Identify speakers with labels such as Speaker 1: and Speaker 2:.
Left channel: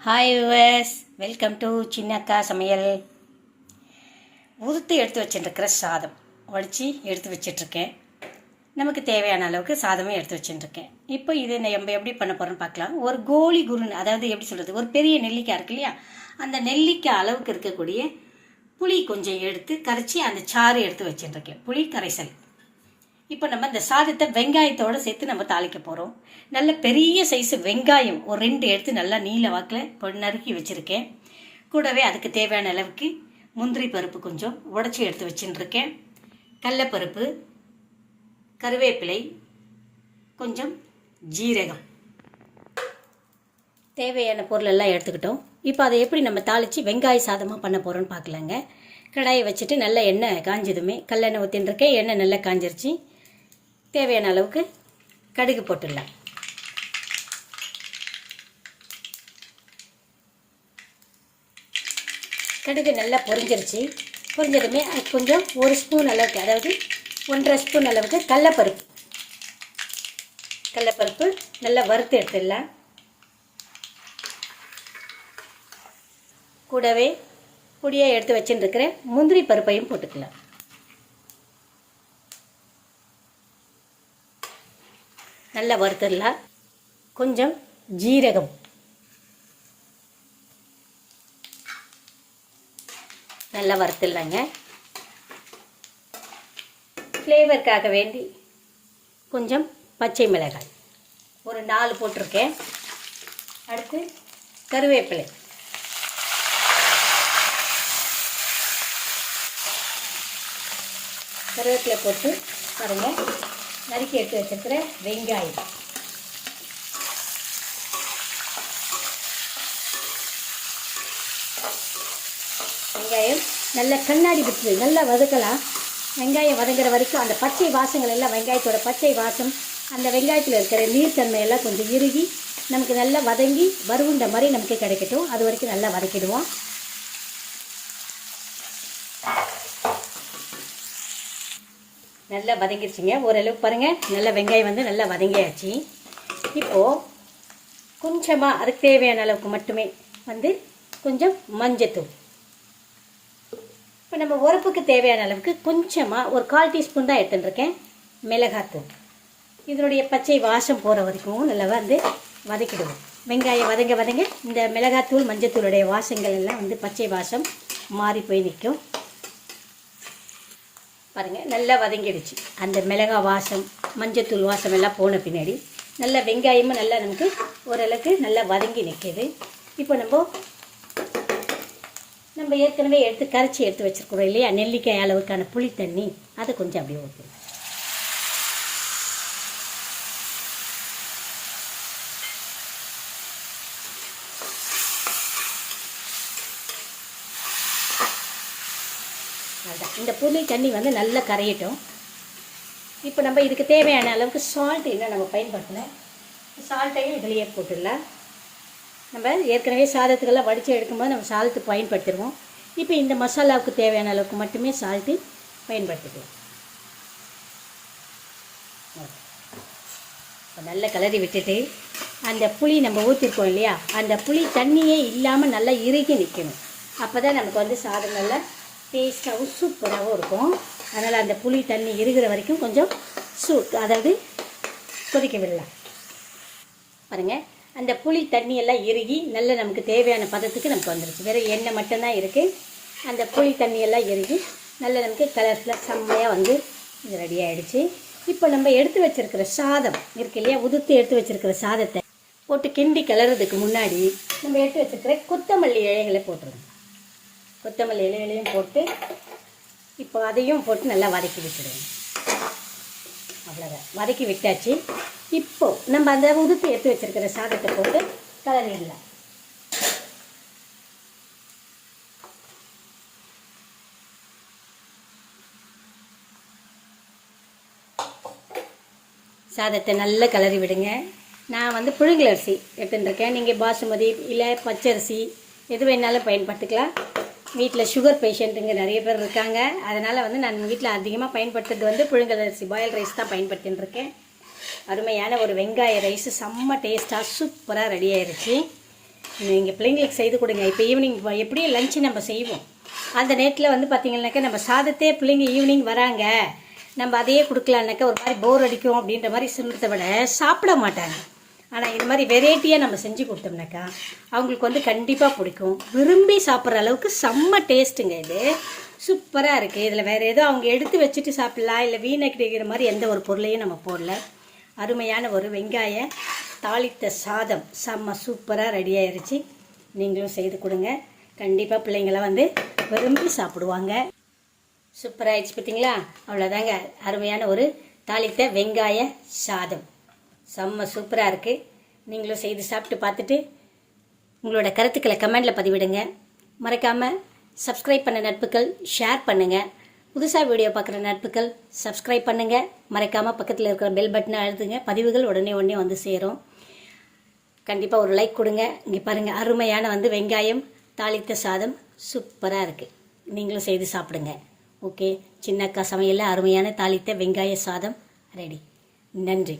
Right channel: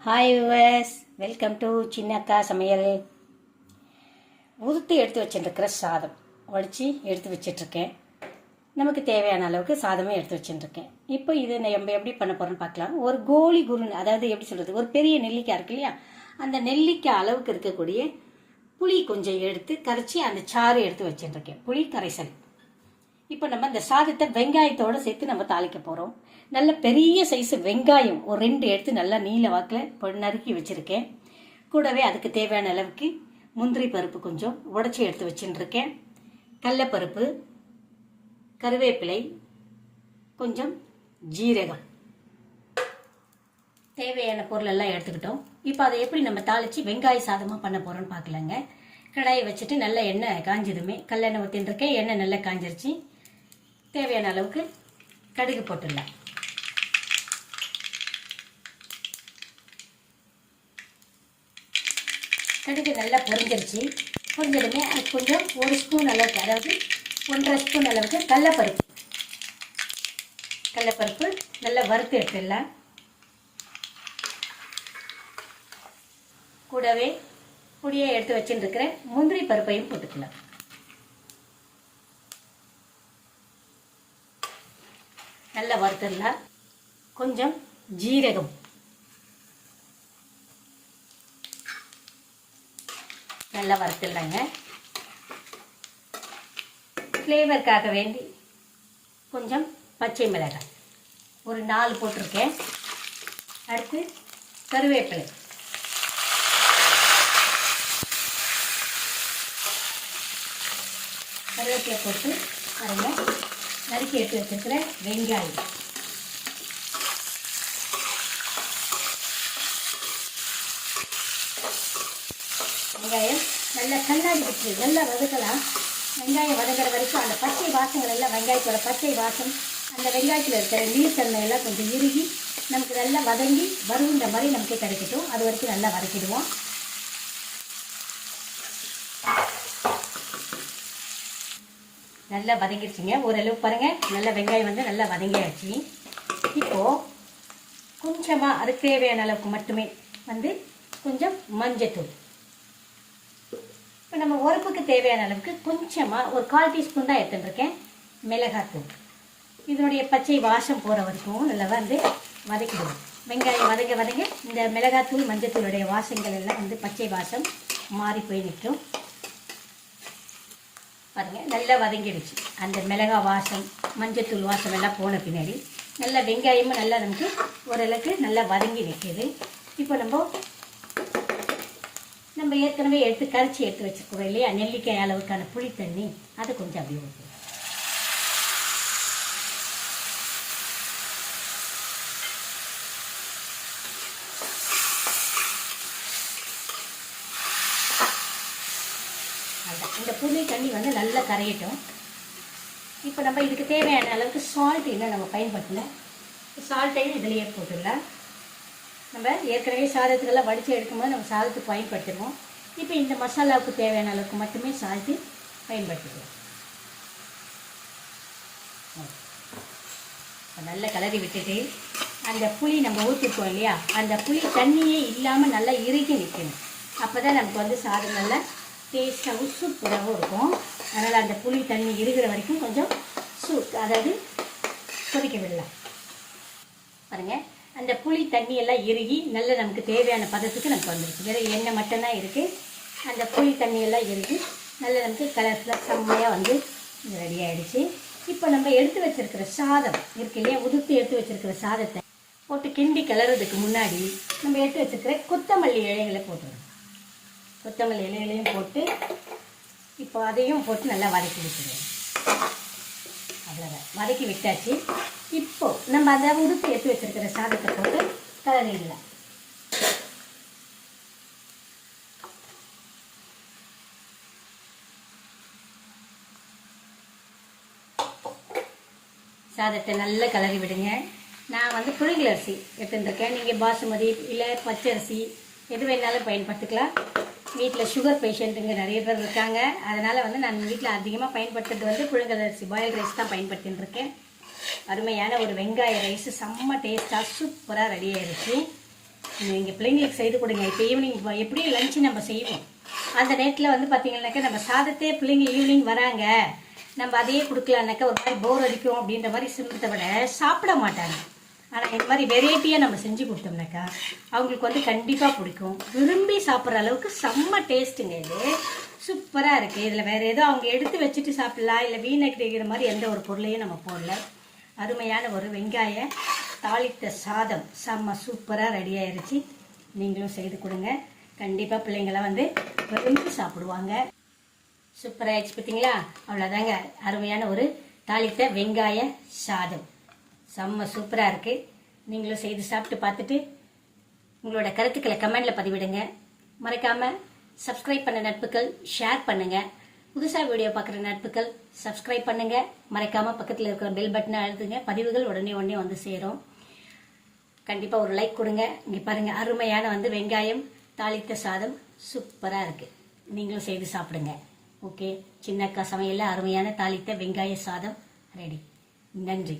Speaker 1: Hi viewers welcome to Chinnakka Samayal உதுத்து எடுத்து வச்சுட்டுருக்கிற சாதம். உடச்சி எடுத்து வச்சிட்ருக்கேன் நமக்கு தேவையான அளவுக்கு சாதமும் எடுத்து வச்சுட்டுருக்கேன் இப்போ இது நம்ம எப்படி பண்ண போகிறோம்னு பார்க்கலாம். ஒரு கோழி குருன் அதாவது எப்படி சொல்கிறது ஒரு பெரிய நெல்லிக்காய் இருக்கு இல்லையா? அந்த நெல்லிக்காய் அளவுக்கு இருக்கக்கூடிய புளி கொஞ்சம் எடுத்து கரைச்சி அந்த சாறு எடுத்து வச்சுட்டுருக்கேன் புளி கரைசல். இப்போ நம்ம இந்த சாதத்தை வெங்காயத்தோடு சேர்த்து நம்ம தாளிக்க போகிறோம் நல்ல பெரிய சைஸு வெங்காயம் ஒரு ரெண்டு எடுத்து நல்லா நீல வாக்கில் நறுக்கி வச்சுருக்கேன். கூடவே அதுக்கு தேவையான அளவுக்கு முந்திரி பருப்பு கொஞ்சம் உடச்சி எடுத்து வச்சுட்டு கடலப்பருப்பு கருவேப்பிலை கொஞ்சம் ஜீரகம். தேவையான பொருள் எல்லாம் எடுத்துக்கிட்டோம். இப்போ அதை எப்படி நம்ம தாளித்து வெங்காய சாதமாக பண்ண போகிறோன்னு பார்க்கலாங்க கடாயை வச்சுட்டு நல்ல எண்ணெய் காஞ்சதுமே கல்லெண்ணெய் ஊற்றின்னு இருக்கேன் எண்ணெய் நல்லா காஞ்சிருச்சு. தேவையான அளவுக்கு கடுகு போட்டுடலாம். கடுகு நல்லா பொரிஞ்சிருச்சு. பொரிஞ்சதுமே அது கொஞ்சம் ஒரு ஸ்பூன் அளவுக்கு அதாவது ஒன்றரை ஸ்பூன் அளவுக்கு கடலப்பருப்பு. கடலப்பருப்பு நல்லா வறுத்து எடுத்துடலாம். கூடவே பொடியாக எடுத்து வச்சுட்டு முந்திரி பருப்பையும் போட்டுக்கலாம். நல்லா வறுத்துடலாம். கொஞ்சம் ஜீரகம். நல்லா வறுத்துடலாங்க ஃப்ளேவருக்காக வேண்டி கொஞ்சம் பச்சை மிளகாய். ஒரு நாலு போட்டிருக்கேன். அடுத்து கருவேப்பிலை. கருவேப்பிலை போட்டு பாருங்கள் நறுக்கி எடுத்து வச்சுருக்கிற வெங்காயம். வெங்காயம் நல்லா கண்ணாடி பிடிச்சி நல்லா வதக்கலாம். வெங்காயம் வதங்குற வரைக்கும் அந்த பச்சை வாசங்கள் எல்லாம் வெங்காயத்தோட பச்சை வாசம் அந்த வெங்காயத்தில் இருக்கிற நீர்த்தன்மை எல்லாம் கொஞ்சம் இறுகி நமக்கு நல்லா வதங்கி வறுவுண்ட மாதிரி நமக்கு கிடைக்கட்டும். அது வரைக்கும் நல்லா வதக்கிடுவோம். நல்லா வதங்கிடுச்சிங்க ஓரளவுக்கு பாருங்கள் நல்ல வெங்காயம் வந்து நல்லா வதங்கியாச்சு. இப்போது கொஞ்சமாக அதுக்கு தேவையான அளவுக்கு மட்டுமே வந்து கொஞ்சம் மஞ்சத்தூள். இப்போ நம்ம உரப்புக்கு தேவையான அளவுக்கு கொஞ்சமாக ஒரு கால் டீஸ்பூன் தான் எடுத்துட்டுருக்கேன் மிளகாத்தூள் இதனுடைய பச்சை வாசம் போகிற வரைக்கும் நல்லா வந்து வதக்கிடுவோம். வெங்காயம் வதங்க வதங்க இந்த மிளகாத்தூள் மஞ்சத்தூளுடைய வாசங்கள் எல்லாம் வந்து பச்சை வாசம் மாறி போய் நிற்கும். பாருங்கள் நல்லா வதங்கிடுச்சு. அந்த மிளகா வாசம் மஞ்சத்தூள் வாசம் எல்லாம் போன பின்னாடி நல்லா வெங்காயமும் நல்லா நமக்கு ஓரளவுக்கு நல்லா வதங்கி நிற்கிது. இப்போ நம்ம நம்ம ஏற்கனவே எடுத்து கரைச்சி எடுத்து வச்சிருக்கிறோம் இல்லையா? நெல்லிக்காய் அளவுக்கான புளி தண்ணி. அதை கொஞ்சம் அப்படியே ஊற்றணும் இந்த புளி தண்ணி வந்து நல்லா கரையட்டும். இப்போ நம்ம இதுக்கு தேவையான அளவுக்கு சால்ட் என்ன நம்ம பயன்படுத்தணும்? சால்ட்டையும் இதுலேயே போட்டுடலாம். நம்ம ஏற்கனவே சாதத்துக்கெல்லாம் வடித்து எடுக்கும்போது நம்ம சாதத்துக்கு பயன்படுத்திடுவோம். இப்போ இந்த மசாலாவுக்கு தேவையான அளவுக்கு மட்டுமே சால்ட்டு பயன்படுத்திக்கலாம். நல்ல கலரி விட்டுட்டு அந்த புளி நம்ம ஊற்றிருக்கோம் இல்லையா? அந்த புளி தண்ணியே இல்லாமல் நல்லா இறுகி நிற்கணும் அப்போ தான் நமக்கு வந்து சாதம் நல்லா டேஸ்ட்டாகவும் சூப்பராகவும் இருக்கும். அதனால் அந்த புளி தண்ணி இருக்கிற வரைக்கும் கொஞ்சம் சூ அதாவது கொதிக்க விடலாம். பாருங்கள் அந்த புளி தண்ணியெல்லாம் இறுகி நல்ல நமக்கு தேவையான பதத்துக்கு நமக்கு வந்துடுச்சு வேறு எண்ணெய் மட்டும்தான் இருக்குது அந்த புளி தண்ணியெல்லாம் இறுகி நல்ல நமக்கு கலர்ஃபுல்லாக செம்மையாக வந்து இது ரெடி ஆகிடுச்சு இப்போ நம்ம எடுத்து வச்சிருக்கிற சாதம் இருக்கு இல்லையா? உதுத்து எடுத்து வச்சிருக்கிற சாதத்தை போட்டு கிண்டி கிளறதுக்கு முன்னாடி நம்ம எடுத்து வச்சுருக்கிற கொத்தமல்லி இலைகளை போட்டுருவோம் கொத்தமல்லி இலைகளையும் போட்டு இப்போ அதையும் போட்டு நல்லா வதக்கி விட்டுடுவோம் அவ்வளோதான் வதக்கி விட்டாச்சு. இப்போ நம்ம அந்த உதுத்து எடுத்து வச்சிருக்கிற சாதத்தை போட்டு கலரிடலாம். சாதத்தை நல்லா கலரி விடுங்க. நான் வந்து புழுங்கல் அரிசி எடுத்துட்டுருக்கேன் நீங்கள் பாசுமதி இல்லை பச்சரிசி எது வேணாலும் பயன்படுத்திக்கலாம். வீட்டில் சுகர் பேஷண்ட்டுங்க நிறைய பேர் இருக்காங்க. அதனால் வந்து நான் வீட்டில் அதிகமாக பயன்படுத்துறது வந்து புழுங்கல் அரிசி பாயில் ரைஸ் தான் பயன்படுத்தின்னு இருக்கேன். அருமையான ஒரு வெங்காய ரைஸ் செம்ம டேஸ்ட்டாக சூப்பராக ரெடி ஆயிருச்சு. நீங்கள் பிள்ளைங்களுக்கு செய்து கொடுங்க. இப்போ ஈவினிங் எப்படியும் லஞ்சு நம்ம செய்வோம். அந்த நேரத்தில் வந்து பார்த்தீங்கன்னாக்கா நம்ம சாதத்தே பிள்ளைங்க ஈவினிங் வராங்க. நம்ம அதையே கொடுக்கலான்னாக்கா ஒரு மாதிரி போர் அடிக்கும் அப்படின்ற மாதிரி சிம்பத்தை விட சாப்பிட மாட்டாங்க. ஆனால் இது மாதிரி வெரைட்டியாக நம்ம செஞ்சு கொடுத்தோம்னாக்கா அவங்களுக்கு வந்து கண்டிப்பாக பிடிக்கும். விரும்பி சாப்பிட்ற அளவுக்கு செம்ம டேஸ்ட்டுங்க இது. சூப்பராக இருக்குது இதில் வேறு எதுவும் அவங்க எடுத்து வச்சுட்டு சாப்பிட்லாம் இல்லை வீணடிக்கிற மாதிரி எந்த ஒரு பொருளையும் நம்ம போடல. அருமையான ஒரு வெங்காய தாளித்த சாதம். செம்ம சூப்பராக ரெடி ஆயிடுச்சு நீங்களும் செய்து கொடுங்க. கண்டிப்பாக பிள்ளைங்களாம் வந்து விரும்பி சாப்பிடுவாங்க. சூப்பராக ஆயிடுச்சு பார்த்தீங்களா அவ்வளோதாங்க அருமையான ஒரு தாளித்த வெங்காய சாதம். செம்ம சூப்பராக இருக்குது நீங்களும் செய்து சாப்பிட்டு பார்த்துட்டு உங்களோட கருத்துக்களை கமெண்டில் பதிவிடுங்க. மறக்காமல் சப்ஸ்கிரைப் பண்ண நட்புகள் ஷேர் பண்ணுங்கள் புதுசாக வீடியோ பார்க்குற நட்புகள் சப்ஸ்கிரைப் பண்ணுங்கள் மறைக்காமல் பக்கத்தில் இருக்கிற பெல் பட்டனை அழுத்துங்க. பதிவுகள் உடனே உடனே வந்து சேரும். கண்டிப்பாக ஒரு லைக் கொடுங்க. இங்கே பாருங்கள் அருமையான வந்து வெங்காயம் தாளித்த சாதம் சூப்பராக இருக்குது நீங்களும் செய்து சாப்பிடுங்க. ஓகே சின்னக்கா சமையலில் அருமையான தாளித்த வெங்காய சாதம் ரெடி நன்றி.